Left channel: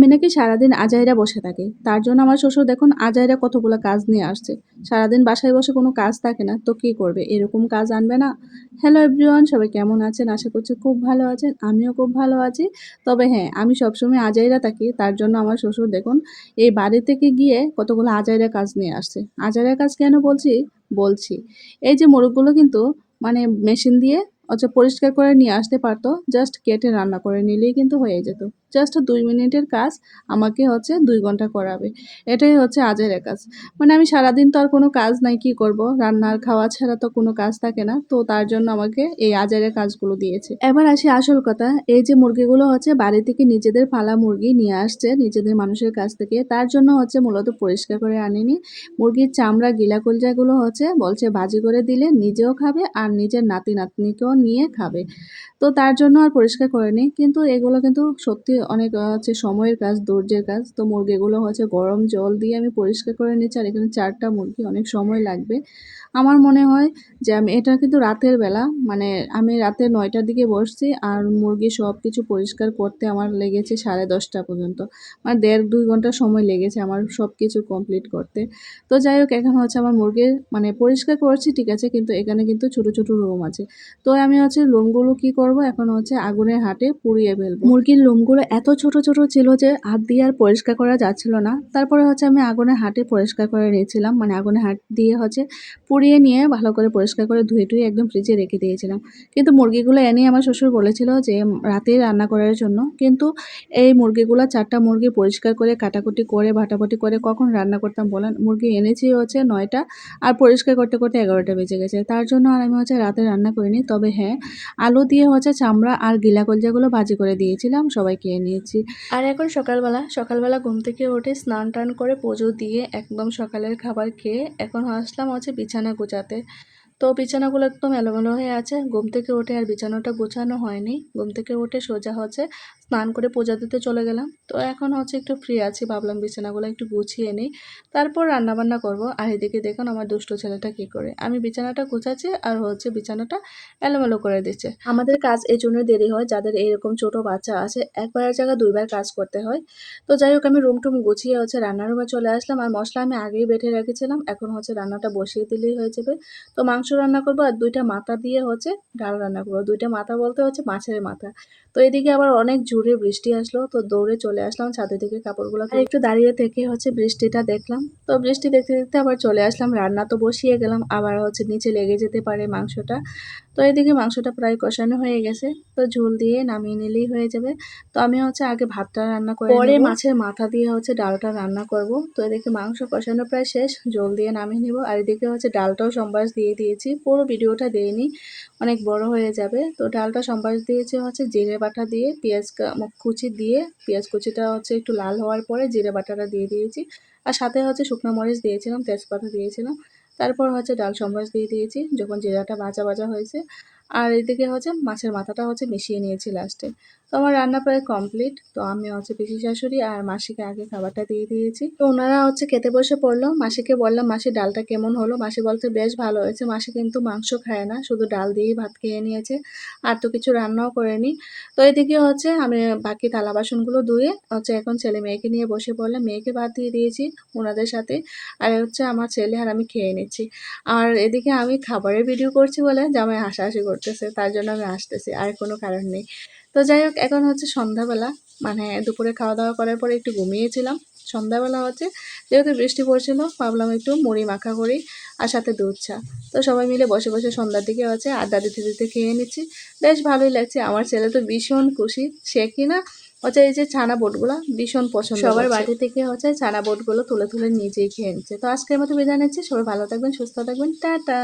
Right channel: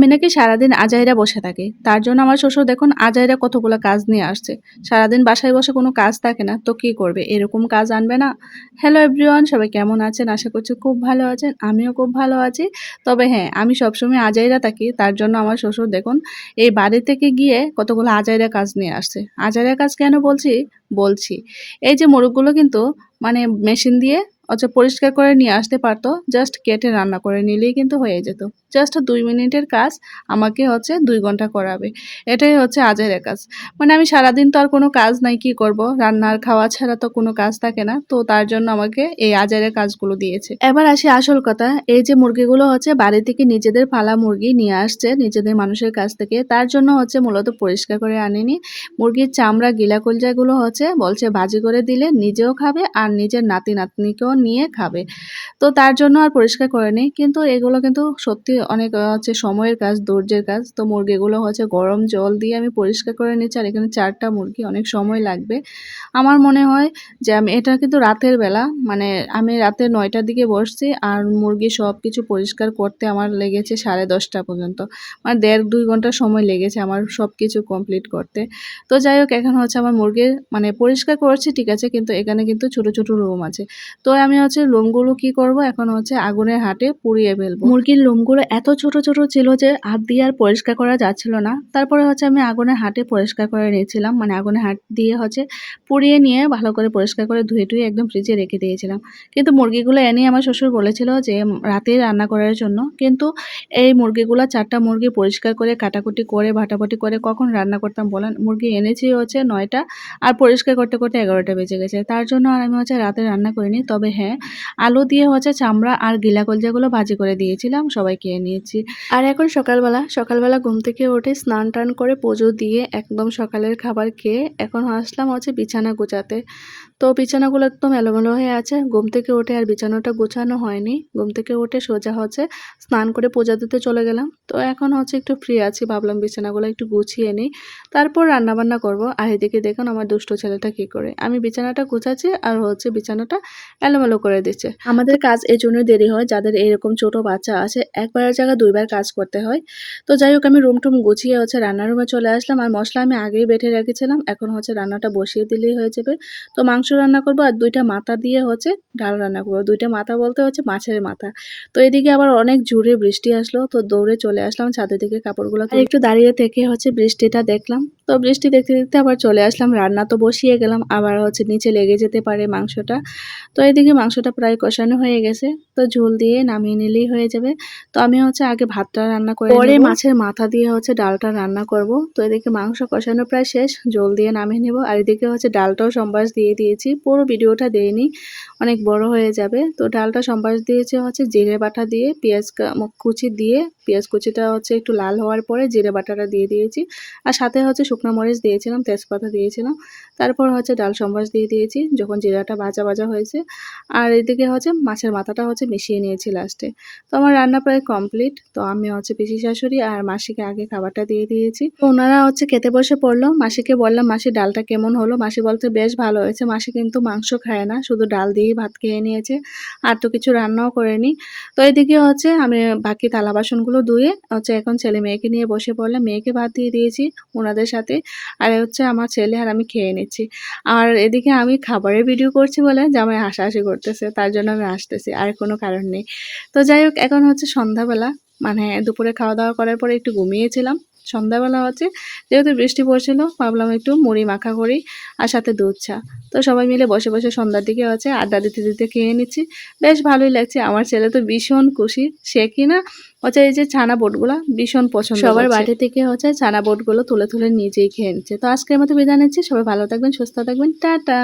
আমি নাকি সারাদিন আজাইরা বসে থাকি। তার জন্য আমার শ্বশুর দেখুন আজাইরা কতগুলা কাজ নিয়ে আসছে। সারাদিন বাসায় বসে কোনো কাজ থাকে না, তো কি করবে? এরকম কাজ আনবে না? হ্যালো এভরিওয়ান, সবাই কেমন আছেন? আশা করছি খুব ভালো আছেন। আমিও খুব ভালো আছি। তবে হ্যাঁ, আমি সবসময় আজাইরা থাকি। তার জন্য আমার শ্বশুর দেখুন এই বাড়ি থেকে গিয়ে কতগুলো আজাইরা কাজ নিয়ে আসছে। আজাইরা কাজ কেন বলছি? বলছি। এই যে মোরগগুলো কিন্তু মানে মেশিন দিয়ে পরিষ্কার করে নিয়ে আসতে পারতো। জাস্ট কেটে রান্না করে নিলেই কিন্তু হয়ে যেত। জাস্ট ২ মিনিটের কাজ আমাকে ২ ঘন্টা করাবে। এটাই হচ্ছে আজাইরা কাজ। মানে আমি সারাদিন তো আর কোনো কাজ নাই, কি করব? রান্না আর খাওয়া ছাড়া তো কোনো কাজ থাকে না। তো তার জন্য আমাকে এই আজাইরা কাজগুলো দিয়েছে। এবার আসি আসল কথা। এই যে মুরগিগুলো বাড়ি থেকে নিজেদের পালা মুরগি নিয়ে আসছে নিজেদের মানুষের কাছ থেকে। তার জন্য মূলত পরিষ্কার করে আনেনি। মুরগির চামড়া, গিলা কলজাগুলো বলছে ভাজি করে দিলে নিজেও খাবে আর নিজের নাতি-নাতনিকেও নিয়ে খাবে। তো তার জন্য আর পরিষ্কার করেনি। কিন্তু এগুলো কিন্তু সত্যি অনেক সময়ের কাজ, ধৈর্যের কাজ। তো মুরগিগুলো গরম জল দিয়ে আমি পরিষ্কার করে নিচ্ছি। আর এখানে ৪ টা মুরগি, অনেক সময় লাগবে। আমার মনে হয় যে এটা কিন্তু রাতের বেলা, মানে আমি রাতে ৯ টার দিকে বসছি আর মুরগি সবকিছু পরিষ্কার করতে আমার লেগেছে 10:30 পর্যন্ত। মানে ১.৫-২ ঘন্টা সময় লেগেছে আমার সবকিছু কমপ্লিট করতে। তো যাই হোক, এখন আমার মুরগির মানে পরিষ্কার করছি ঠিক আছে, কিন্তু এখানে কিন্তু ছোট, ছোট লোম আছে। তো আমি লোমগুলো কি করব, এখন আগুনের হাতে পুড়িয়ে ফেলবো। মুরগির লোমগুলো এত ছোট, ছোট ছিল যে হাত দিয়ে আর পরিষ্কার করা যাচ্ছিল না। তারপরে আমি আগুনের হাতে পরিষ্কার করে নিয়েছিলাম। মানে আগুনের হাত দিয়ে পুড়িয়ে নিয়ে ভালো করে পরিষ্কার করে ধুয়ে একদম ফ্রিজে রেখে দিয়েছিলাম। কিন্তু মুরগিগুলো এনেই আমার শ্বশুর বলেছিল যে রাতেই রান্না করার জন্য। কিন্তু এই মুরগিগুলা ৪ টা মুরগি পরিষ্কার করে কাটাকুটি করে ভাটাভাটি করে কখন রান্না করতাম বলেন? মুরগি এনেছি ৯ টা আর পরিষ্কার করতে, করতে ১১ টা বেজে গেছে। তার জন্য আর আমি রাতে রান্না করিনি। তবে হ্যাঁ, আলু দিয়ে চামড়া আর গিলা কলজাগুলো ভাজি করে দিয়েছিলাম, সবাই খেয়ে নিয়েছি। আর এখন সকালবেলা ঘুম থেকে উঠে স্নান-টান করে পুজো দিয়ে একদম সকালের খাবার খেয়ে এখন আসলাম বিছানা গোছাতে। তো বিছানাগুলো একদম এলোমেলো হয়ে আছে। ঘুম থেকে উঠে আর বিছানাটা গোছানো হয়নি। ঘুম থেকে উঠে সোজা স্নান করে পূজা দিতে চলে গেলাম। তো এখন একটু ফ্রি আছি, ভাবলাম বিছানাগুলো একটু গুছিয়ে নিই। তারপর রান্নাবান্না করব। আর এদিকে দেখুন আমার দুষ্ট ছেলেটা কি করে। আমি বিছানাটা গোছাচ্ছি আর বিছানাটা এলোমেলো করে দিচ্ছে। আমাদের কাজ এজন্যই দেরি হয়, যাদের এরকম ছোট বাচ্চা আছে একবারের জায়গায় ২ বার কাজ করতে হয়। তো যাই হোক, আমি রুম-টুম গুছিয়ে রান্নার রুমে চলে আসলাম। আর মসলা আমি আগেই বেটে রেখেছিলাম। এখন রান্নাটা বসিয়ে দিলেই হয়ে যাবে। তো মাংস রান্না করবো আর ২ টা মাথা দিয়ে ডাল রান্না করবো। ২ টা মাথা বলতে মাছের মাথা। তো এদিকে আবার অনেক জোরে বৃষ্টি আসলো, তো দৌড়ে চলে আসলাম ছাদের দিকে কাপড়গুলো আর একটু দাঁড়িয়ে থেকে বৃষ্টিটা দেখলাম। তো বৃষ্টি দেখতে দেখতে আবার চলে আসলাম, রান্না তো বসিয়ে গেলাম, আবার নিচে লেগে যেতে পারে মাংসটা। তো এদিকে মাংসটা প্রায় কষানো হয়ে গেছে, তো ঝোল দিয়ে নামিয়ে নিলেই হয়ে যাবে। তো আমি আগে ভাতটা রান্না করে পরে মাছের মাথা দিয়ে ডালটা রান্না করব। তো এদিকে মাংস কষানো প্রায় শেষ, ঝোল দিয়ে নামিয়ে নেব। আর এদিকে ডালটাও সম্বাস দিয়ে দিয়েছি, পুরো ভিডিওটা দেইনি, অনেক বড় হয়ে যাবে। তো ডালটা সম্বাস দিয়েছে জিরে বাটা দিয়ে, পেঁয়াজ কুচি দিয়ে, পেঁয়াজ কুচিটা একটু লাল হওয়ার পরে জিরে বাটাটা দিয়ে দিয়েছি। আর সাথে শুকনো মরিচ দিয়েছিলাম, তেজপাতা দিয়েছিলাম। তারপর ডাল সম্বাস দিয়ে দিয়েছি যখন জিরাটা ভাজা ভাজা হয়েছে। আর এদিকে মাছের মাথাটা মিশিয়ে নিয়েছি লাস্টে। তো আমার রান্না প্রায় কমপ্লিট। তো আমি পিসি শাশুড়ি আর মাসিকে আগে খাবারটা দিয়ে দিয়েছি। তো ওনারা খেতে বসে পড়লো। মাসিকে বললাম, মাসি ডালটা কেমন হলো? মাসি বলতে বেশ ভালো হয়েছে। মাসি কিন্তু মাংস খায় না, শুধু ডাল দিয়েই ভাত খেয়ে নিয়েছে, আর তো কিছু রান্নাও করেনি। তো এদিকে আমি বাকি থালা বাসনগুলো ধুয়ে এখন ছেলে মেয়েকে নিয়ে বসে পড়লাম। মেয়েকে ভাত দিয়ে দিয়েছি ওনাদের সাথে, আর আমার ছেলে আর আমি খেয়ে নিচ্ছি। আর এদিকে আমি খাবারের ভিডিও করছি বলে জামাই হাসাহাসি করতেছে, তার জন্য আমি আসতেছি, আর কোনো কারণ নেই। তো যাই হোক, এখন সন্ধ্যাবেলা, মানে দুপুরে খাওয়া দাওয়া করার পরে একটু ঘুমিয়েছিলাম। সন্ধ্যাবেলা যেহেতু বৃষ্টি পড়ছিল, ভাবলাম একটু মুড়ি মাখা করি আর সাথে দুধ চা। তো সবাই মিলে বসে বসে সন্ধ্যার দিকে আড্ডা দিতে দিতে খেয়ে নিচ্ছি। বেশ ভালোই লাগছে। আমার ছেলে তো ভীষণ খুশি, সে কিনা এই যে ছানা বোটগুলো ভীষণ পছন্দ, সবার বাড়ি থেকে ছানা বোটগুলো তুলে তুলে নিজেই খেয়ে নিচ্ছে। তো আজকের মতো বিদায় নিচ্ছি, সবাই ভালো থাকবেন, সুস্থ থাকবেন, টাটা।